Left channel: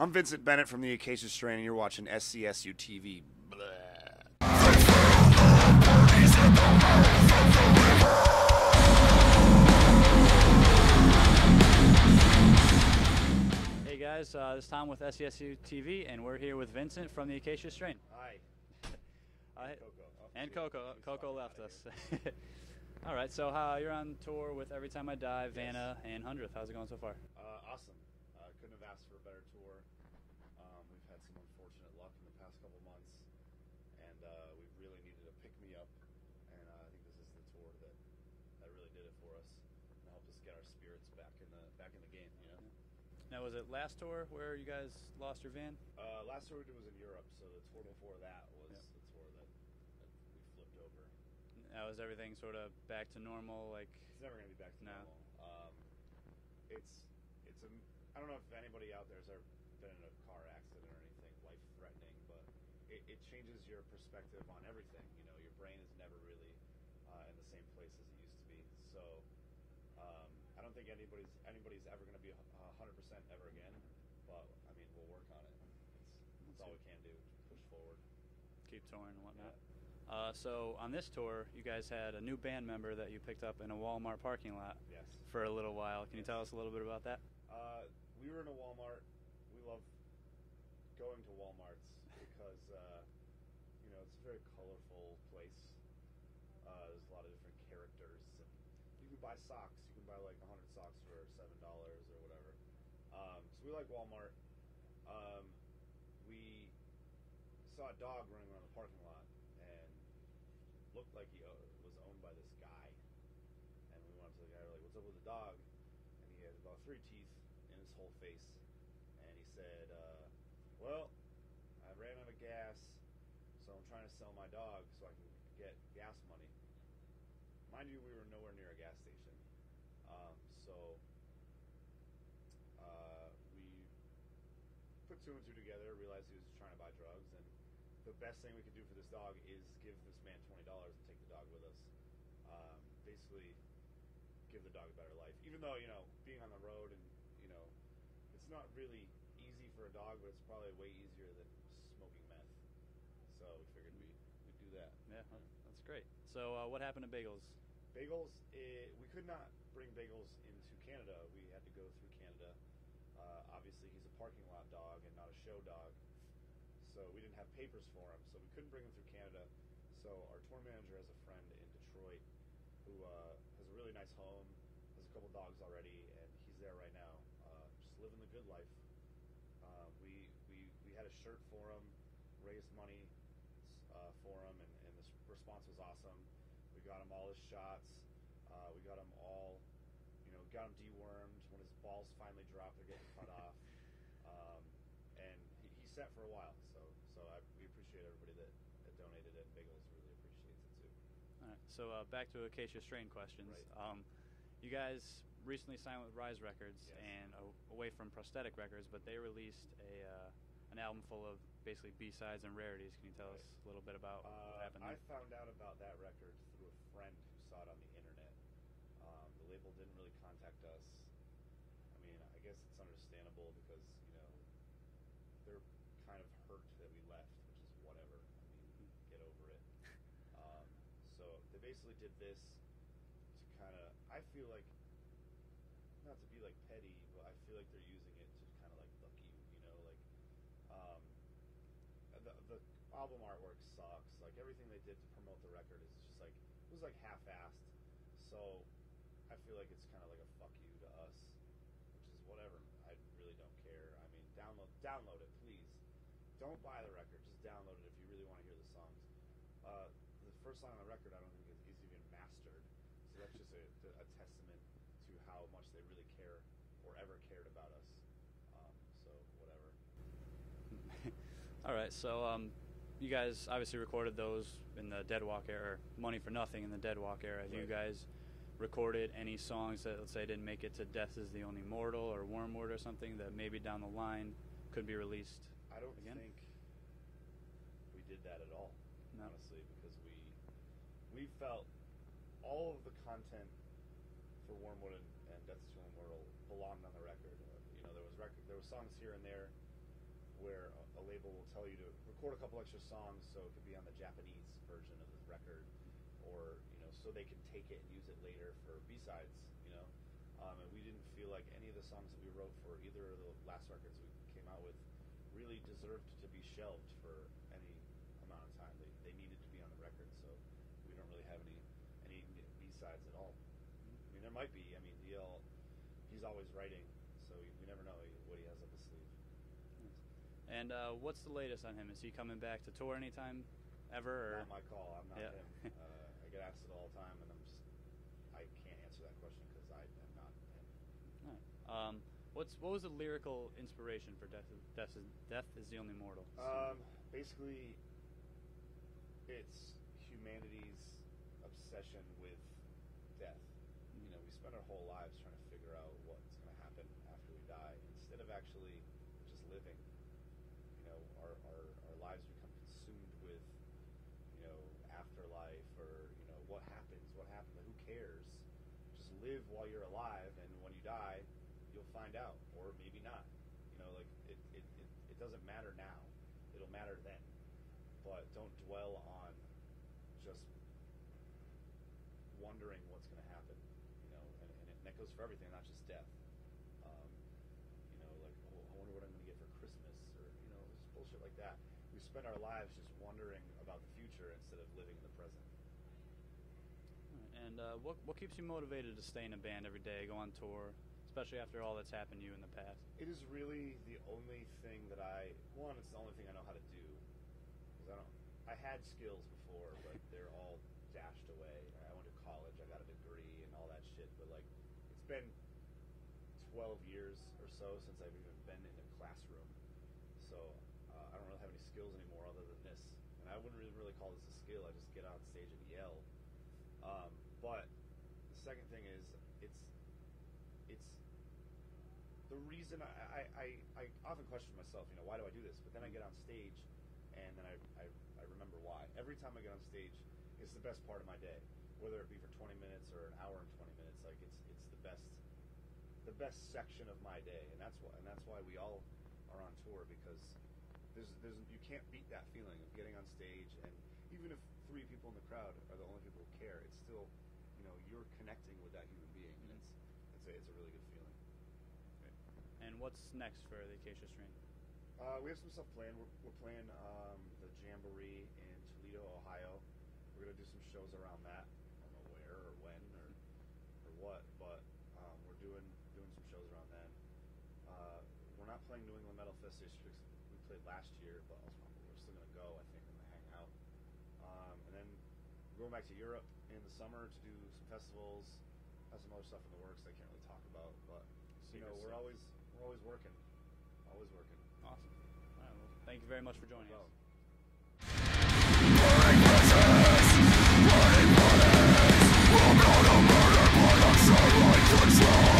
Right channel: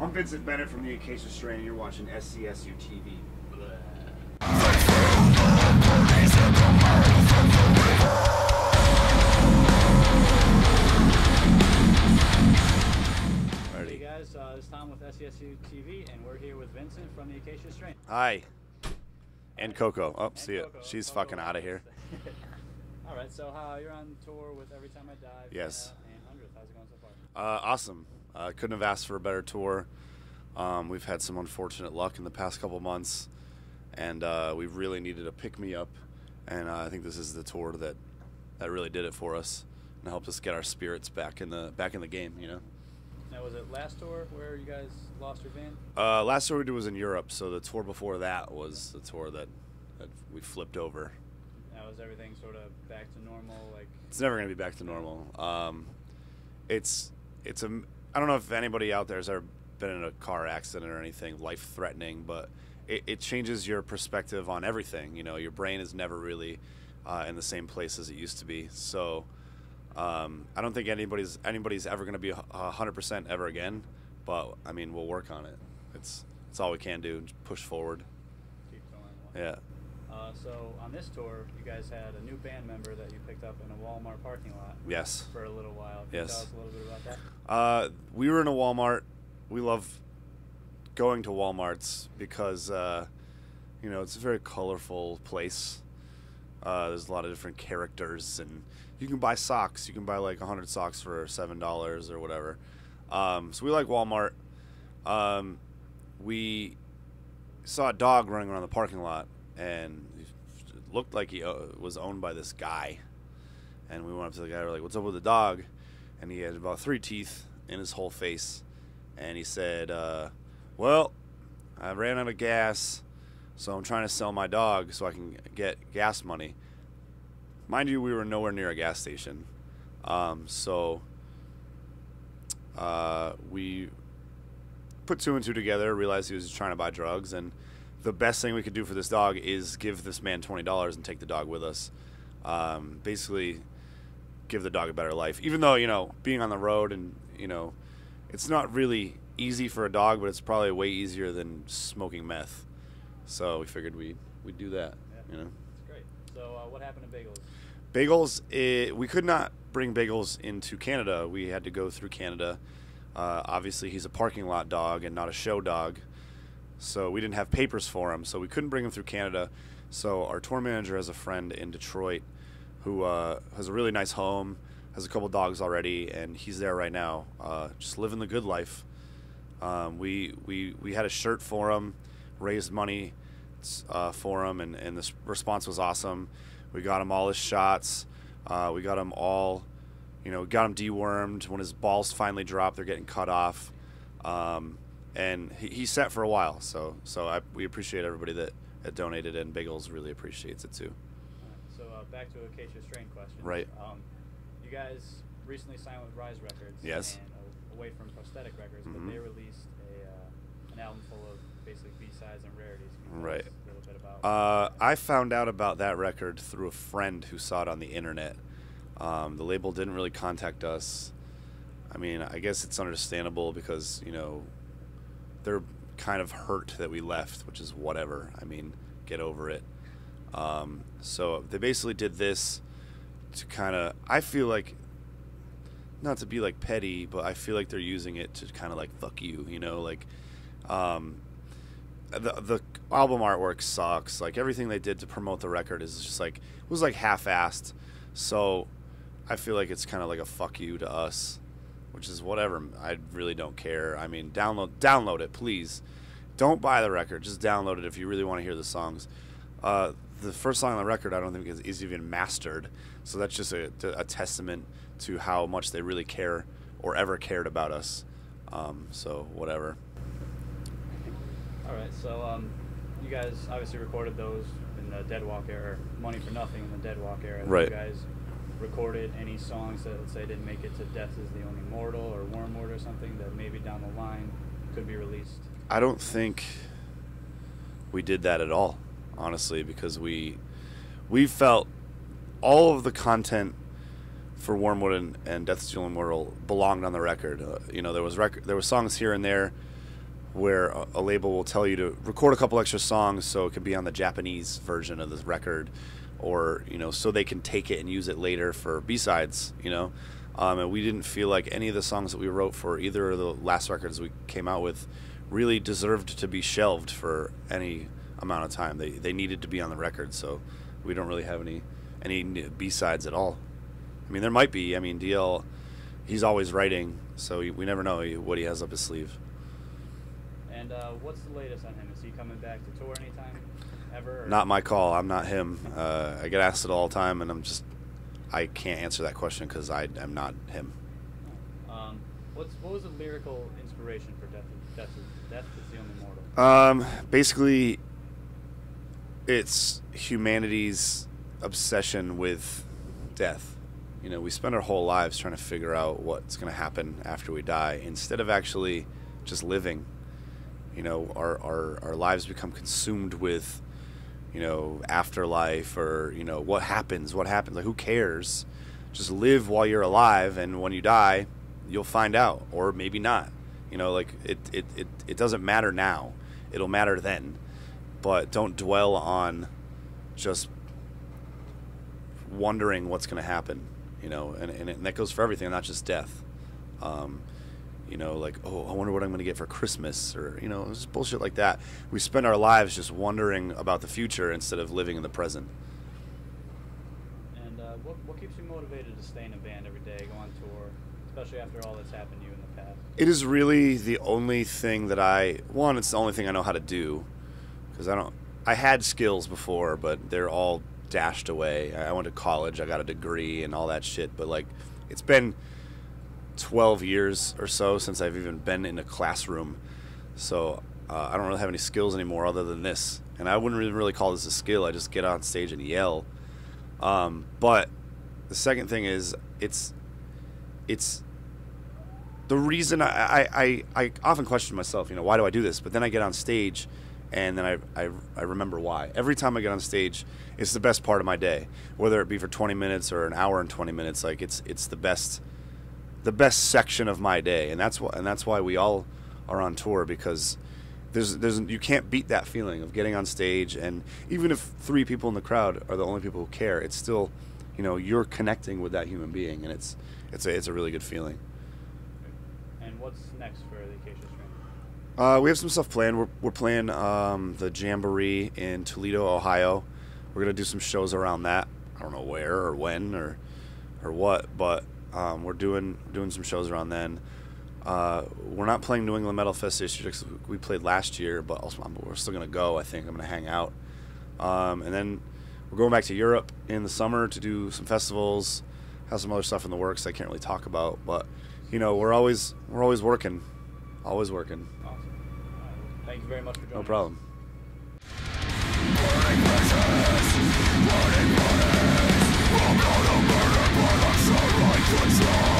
I'm Vincent Bennett from the Acacia Strain, and you're watching SCSU TV. Hey guys, this is Tom with SCSU TV, and we're here with Vincent from the Acacia Strain. Hi. And Coco. Oh, And see Coco. it. She's Coco fucking out of here. All right, so you're on tour with Every Time I Dive, Yes. Vanna, and 100th. How's it going so far? Awesome. Couldn't have asked for a better tour. We've had some unfortunate luck in the past couple months, and we really needed a pick-me-up, and I think this is the tour that really did it for us and helped us get our spirits back in the game, you know. Now, was it last tour where you guys lost your van? Last tour we did was in Europe, so the tour before that was the tour that we flipped over. Now, was everything sort of back to normal? Like, It's never going to be back to normal. It's I don't know if anybody out there has ever been in a car accident or anything life-threatening, but it changes your perspective on everything. You know, your brain is never really in the same place as it used to be. So I don't think anybody's ever going to be 100% ever again. But I mean, we'll work on it. It's all we can do. Push forward. keep touring. Yeah. So on this tour, you guys had a new band member that you picked up in a Walmart parking lot. Yes. For a little while. Can you tell us a little bit about that? We were in a Walmart. We love going to Walmarts because, you know, it's a very colorful place. There's a lot of different characters, and you can buy socks. You can buy like 100 socks for $7 or whatever. So we like Walmart. We saw a dog running around the parking lot, and it looked like he was owned by this guy. And we went up to the guy. We're like, "What's up with the dog?" And he had about 3 teeth in his whole face. And he said, "Well, I ran out of gas, so I'm trying to sell my dog so I can get gas money." Mind you, we were nowhere near a gas station. So we put 2 and 2 together, realized he was trying to buy drugs, and the best thing we could do for this dog is give this man $20 and take the dog with us. Basically, give the dog a better life. Even though, you know, being on the road and, you know, it's not really easy for a dog, but it's probably way easier than smoking meth. So we figured we'd do that, you know. That's great. So what happened to Bagels? Bagels, we could not bring Bagels into Canada. We had to go through Canada. Obviously, he's a parking lot dog and not a show dog. So we didn't have papers for him, so we couldn't bring him through Canada. So our tour manager has a friend in Detroit who has a really nice home, has a couple dogs already, and he's there right now, just living the good life. We had a shirt for him, raised money for him, and the response was awesome. We got him all his shots. We got him all, you know, got him dewormed. When his balls finally drop, they're getting cut off. And he's set for a while. So we appreciate everybody that donated, and Bagels really appreciates it too. So back to Acacia Strain questions. Right. You guys recently signed with Rise Records. Yes. And away from Prosthetic Records, but they released an album full of basically B-sides and rarities. Can you tell us a little bit about I found out about that record through a friend who saw it on the internet. The label didn't really contact us. I mean, I guess it's understandable because, you know, they're kind of hurt that we left, which is whatever. I mean, get over it. So they basically did this to kind of, I feel like, not to be like petty, but I feel like they're using it to kind of like fuck you, you know, like the album artwork sucks. Like everything they did to promote the record is just like, it was like half-assed. So I feel like it's kind of like a fuck you to us, which is whatever. I really don't care. I mean, download it, please. Don't buy the record. Just download it if you really want to hear the songs. The first song on the record I don't think is even mastered, so that's just a testament to how much they really care or ever cared about us. So whatever. All right, so you guys obviously recorded those in the Dead Walk era, Money for Nothing in the Dead Walk era. Right. You guys recorded any songs that, let's say, didn't make it to Death is the Only Mortal or Wormwood or something that maybe down the line could be released? I don't think we did that at all, honestly, because we felt all of the content for Wormwood and Death is the Only Mortal belonged on the record. You know, there was songs here and there where a label will tell you to record a couple extra songs so it could be on the Japanese version of the record, or so they can take it and use it later for B-sides. And we didn't feel like any of the songs that we wrote for either of the last records we came out with really deserved to be shelved for any amount of time. They needed to be on the record, so we don't really have any B-sides at all. I mean, there might be. I mean, DL, he's always writing, so we never know what he has up his sleeve. And what's the latest on him? Is he coming back to tour anytime ever? Or? Not my call. I'm not him. I get asked it all the time, and I can't answer that question because I am not him. What was the lyrical inspiration for Death is the Only Mortal? Basically, it's humanity's obsession with death. We spend our whole lives trying to figure out what's going to happen after we die, instead of actually just living. Our lives become consumed with, afterlife, or, what happens, like, who cares? Just live while you're alive, and when you die, you'll find out, or maybe not. Like, it doesn't matter now. It'll matter then. But don't dwell on just wondering what's going to happen, and that goes for everything, not just death. Like, oh, I wonder what I'm going to get for Christmas, or, just bullshit like that. We spend our lives just wondering about the future instead of living in the present. And what keeps you motivated to stay in a band every day, go on tour, especially after all that's happened to you in the past? It is really the only thing that it's the only thing I know how to do, because I had skills before, but they're all dashed away. I went to college, I got a degree and all that shit, but, like, it's been 12 years or so since I've even been in a classroom, so I don't really have any skills anymore other than this, and I wouldn't really call this a skill. I just get on stage and yell. But the second thing is, it's the reason I often question myself, why do I do this? But then I get on stage, and then I remember why. Every time I get on stage, it's the best part of my day, whether it be for 20 minutes or an hour and 20 minutes. Like, it's the best section of my day, and that's why we all are on tour, because you can't beat that feeling of getting on stage, and even if 3 people in the crowd are the only people who care, it's still, you're connecting with that human being, and it's a really good feeling. And what's next for the Acacia Strain? We have some stuff planned. We're playing the Jamboree in Toledo, Ohio. We're gonna do some shows around that. I don't know where or when or what, but we're doing some shows around then. We're not playing New England Metal Fest this year because we played last year, but we're still gonna go. I think I'm gonna hang out, and then we're going back to Europe in the summer to do some festivals. Have some other stuff in the works I can't really talk about, but we're always working, always working. Awesome. All right, well, thank you very much for joining No problem. Burning bridges, burning bodies, I'm not a murder, but I'm sure I control.